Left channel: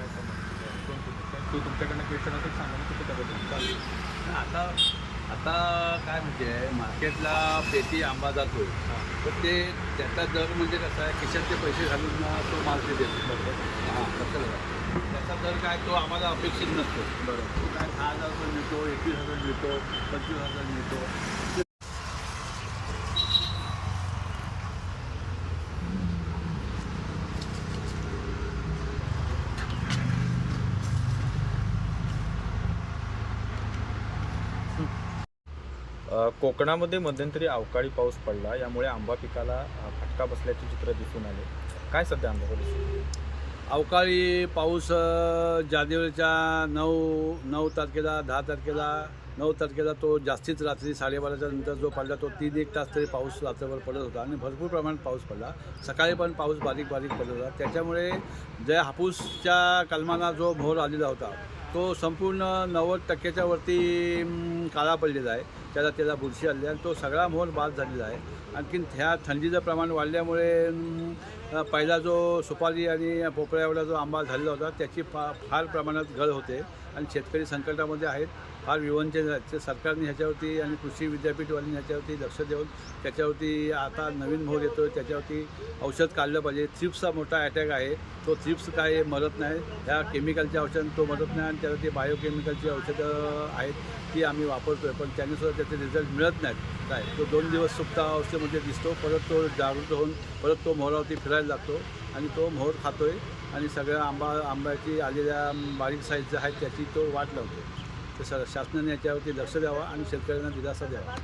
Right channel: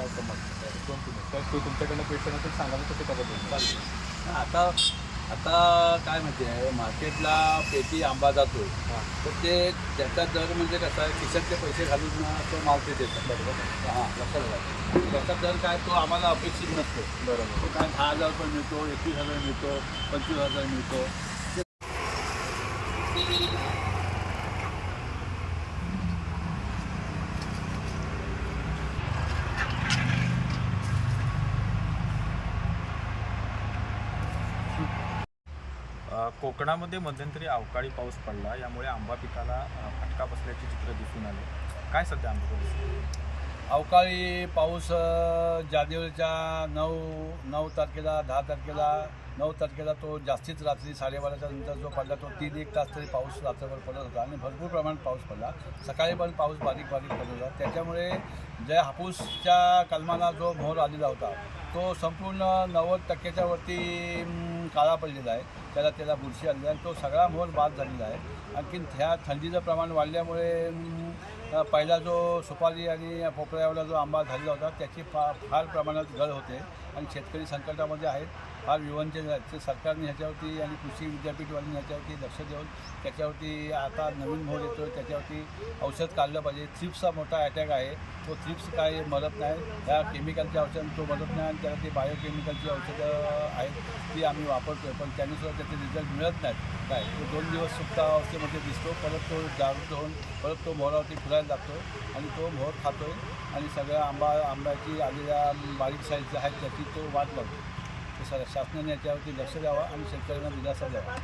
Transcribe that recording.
काय समज ते तुमच्याकडनं पेशंट सांगा मग कुठे करायचं आता आता काय म्हणते आहे मार्केटला पेटी आंबा जातो. तर ते त्याचा दर म्हणजे कसा आहे खिशातले पैसे घालून तो माल ते देतात. हां घ्या त्याचा दर काय तो आम्हाला अपेक्षित नसतो. बरोबर. दहा हजार रुपये मिळतो एकवीस हजार मिळतो पंचवीस हजार मिळतो. कोकणामध्ये मध्यंतरी अवकाळी पाऊस पडला यामुळे आंबा पिकाला फटका बसल्याचे चित्र दिसून आले. काय सध्या आंबा अवकाळी पाऊस जानेवारीच्या नऊ नऊ तारखेला दहा तारखेला नऊ तारखेला तो जास्तीच रात्री साडेबाराच्या नंतर जो पडला तो तीन एक तास तरी पाऊस रात्रभर पडत होता आणि भरपूर प्रमाणात पाऊस पडला. सकाळी पण पाऊस बारीक बारीक पडत होता. त्याच्यामुळे ज्या हापूसच्या कलमाला जो भोर आलेला होता तो संपूर्ण नव्वद टक्क्याच्या वरती काळा पडलेला आहे. त्याला त्याला बुरशी आली आणि तो सगळा मोहर बाद झालेला आहे. आणखीन ह्या थंडीचं प्रमाण वाढल्यामुळे पहिला जो सुपारी आणि पोपळ्यावाला जो आंबा झालेला होता त्याची फा फार प्रमाणात गळ होते आणि शेतकरी संकटामध्ये आहेत. फार विवंचन सरकारने ह्याच्यावरती आणि कृषी विद्यापीठवाल्यांनी ह्याच्यावरती लक्ष देऊन त्याच्यावरती आता नवीन मोहर येतो त्याच्यावरती औषध काढलं पाहिजे. थ्रिप्सचा मोठा अटॅक आहे. तो थ्रिप्स काय मरत नाही. ह्या केमिकलच्या औषध तो मरत नाही आणि त्याला ते बायोकेमिकलची औषधं आहेत ती आम्ही वापरतो आहे पण त्यानेसुद्धा त्याचे रिझल्ट मिळत नाहीत. काय? तो दोन दिवस सुप्तावस्थेमध्ये दिसतो परत तो जागृत होऊन परत तो मोहरावरती फिरायला लागतो आणि तो मोहर खातो आहे आणि सगळ्या आंबा आंब्याची आलेल्या बारीक साईज आहेत त्याची तो वाट लावतो. ते सर शासनाने याच्यावरती लक्ष द्यावा आणि शेतकऱ्यांना दिलासा द्यावा.